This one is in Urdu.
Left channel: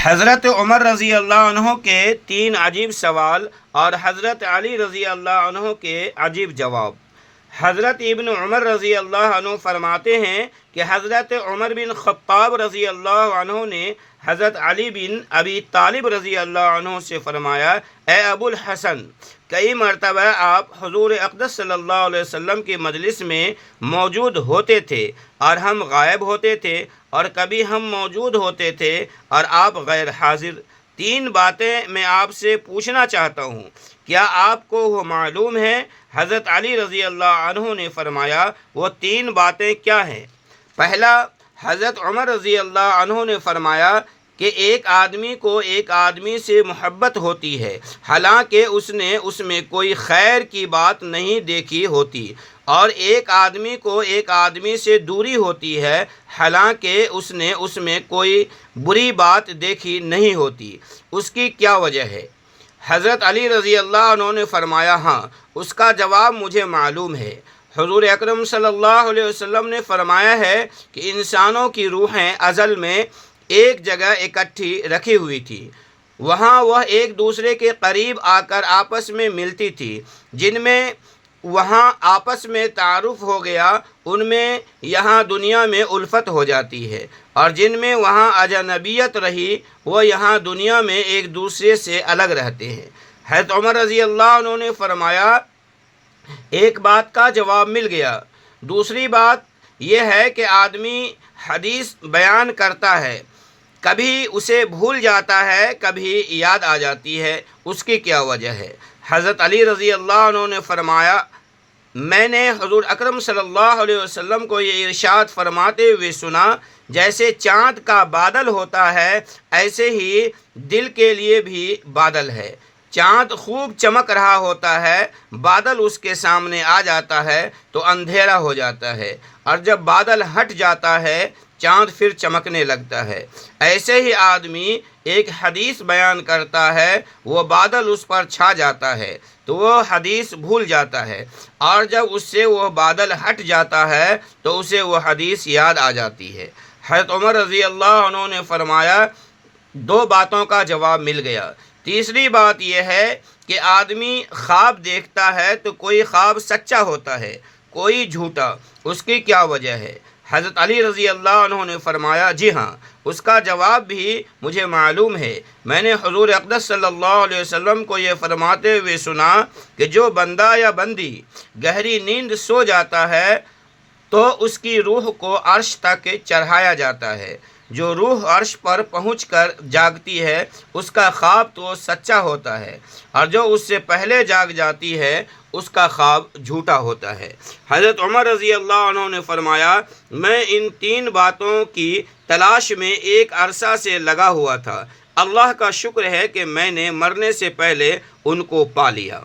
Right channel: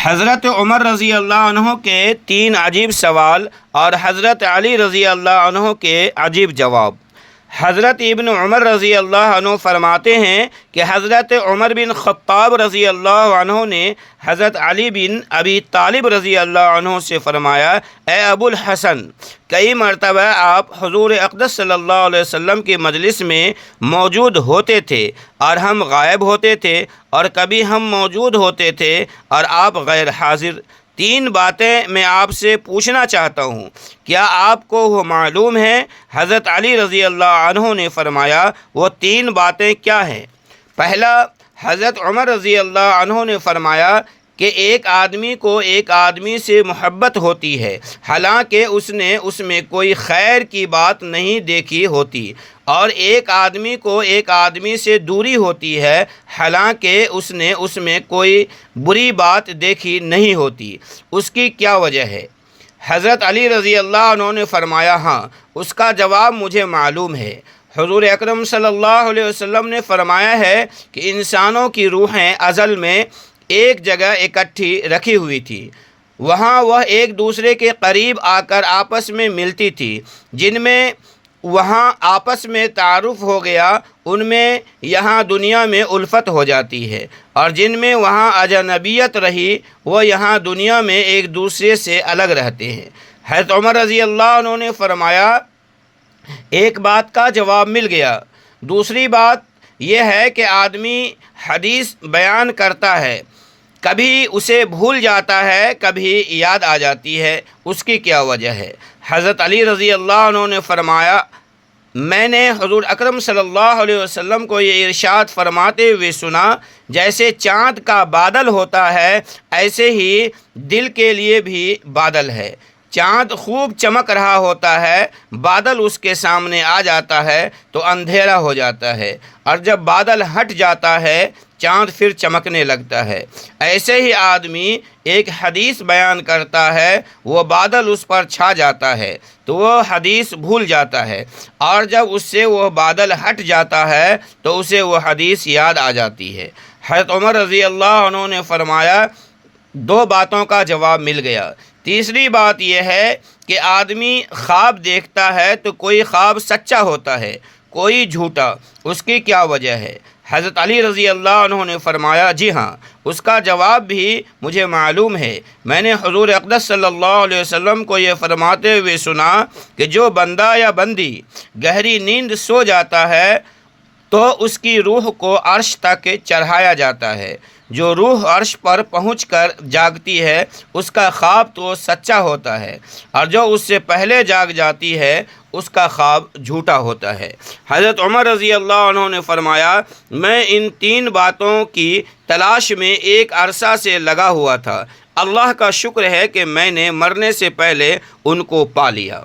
حضرت عمر رضی اللہ عنہ کے 3 عجیب سوال اور حضرت علی رضی اللہ عنہ کے عجیب جواب۔ حضرت ابن عمر رضی اللہ عنہ فرماتے ہیں کہ حضرت عمر بن خطاب رضی اللہ عنہ نے حضرت علی بن ابی طالب رضی اللہ عنہ سے فرمایا، اے ابو الحسن، کئی مرتبہ آپ حضور اقدس صلی اللہ علیہ وسلم کی مجلس میں موجود ہوتے تھے اور ہم غائب ہوتے تھے، اور کبھی ہم موجود ہوتے تھے اور آپ غیر حاضر۔ 3 باتیں میں آپ سے پوچھنا چاہتا ہوں، کیا آپ کو وہ معلوم ہے؟ حضرت علی رضی اللہ عنہ نے فرمایا، وہ 3 باتیں کیا ہیں؟ پہلا، حضرت عمر رضی اللہ عنہ نے فرمایا کہ ایک آدمی کو ایک آدمی سے محبت ہوتی ہے، حالانکہ اس نے اس میں کوئی خیر کی بات نہیں دیکھی ہوتی، اور ایک آدمی کو ایک آدمی سے دوری ہوتی ہے، حالانکہ اس نے اس میں کوئی بری بات دیکھی نہیں ہوتی۔ اس کی کیا وجہ ہے؟ حضرت علی رضی اللہ عنہ نے فرمایا، ہاں، اس کا جواب مجھے معلوم ہے۔ حضور اکرم صلی اللہ علیہ وسلم نے فرمایا ہے کہ انسانوں کی روحیں ازل میں ایک جگہ اکٹھی رکھی ہوئی تھی، وہاں وہ ایک دوسرے کے قریب آ کر آپس میں ملتی تھی، جن میں وہاں آپس میں تعارف ہو گیا، ان میں یہاں دنیا میں الفت ہو جاتی ہے، اور جن میں وہاں اجنبیت رہی، وہ یہاں دنیا میں ایک دوسرے سے الگ رہتے ہیں۔ حضرت عمر رضی اللہ عنہ نے فرمایا، ایک بات کا جواب مل گیا۔ دوسری بات یہ ہے کہ آدمی حدیث بیان کرتا ہے، کبھی اسے بھول جاتا ہے، کبھی یاد آ جاتی ہے، اس کی کیا وجہ ہے؟ حضرت علی رضی اللہ عنہ نے فرمایا، میں نے حضور اکرم صلی اللہ علیہ وسلم کو یہ ارشاد فرماتے ہوئے سنا، جیسے چاند کا بادل ہوتا ہے، ایسے ہی دل کے لیے بھی بادل ہے۔ چاند خوب چمک رہا ہوتا ہے، بادل اس کے سامنے آ جاتا ہے تو اندھیرا ہو جاتا ہے، اور جب بادل ہٹ جاتا ہے چاند پھر چمکنے لگتا ہے۔ ایسے ہی آدمی ایک حدیث بیان کرتا ہے، وہ بادل اس پر چھا جاتا ہے تو وہ حدیث بھول جاتا ہے، اور جب اس سے وہ بادل ہٹ جاتا ہے تو اسے وہ حدیث یاد آ جاتی ہے۔ حضرت عمر رضی اللہ عنہ نے فرمایا، 2 باتوں کا جواب مل گیا۔ تیسری بات یہ ہے کہ آدمی خواب دیکھتا ہے تو کوئی خواب سچا ہوتا ہے، کوئی جھوٹا، اس کی کیا وجہ ہے؟ حضرت علی رضی اللہ عنہ نے فرمایا، جی ہاں، اس کا جواب بھی مجھے معلوم ہے۔ میں نے حضور اقدس صلی اللہ علیہ وسلم کو یہ فرماتے ہوئے سنا کہ جو بندہ یا بندی گہری نیند سو جاتا ہے تو اس کی روح کو عرش تک چڑھایا جاتا ہے۔ جو روح عرش پر پہنچ کر جاگتی ہے، اس کا خواب تو سچا ہوتا ہے، اور جو اس سے پہلے جاگ جاتی ہے اس کا خواب جھوٹا ہوتا ہے۔ حضرت عمر رضی اللہ عنہ نے فرمایا، میں ان 3 باتوں کی تلاش میں ایک عرصہ سے لگا ہوا تھا، اللہ کا شکر ہے کہ میں نے مرنے سے پہلے ان کو پا لیا۔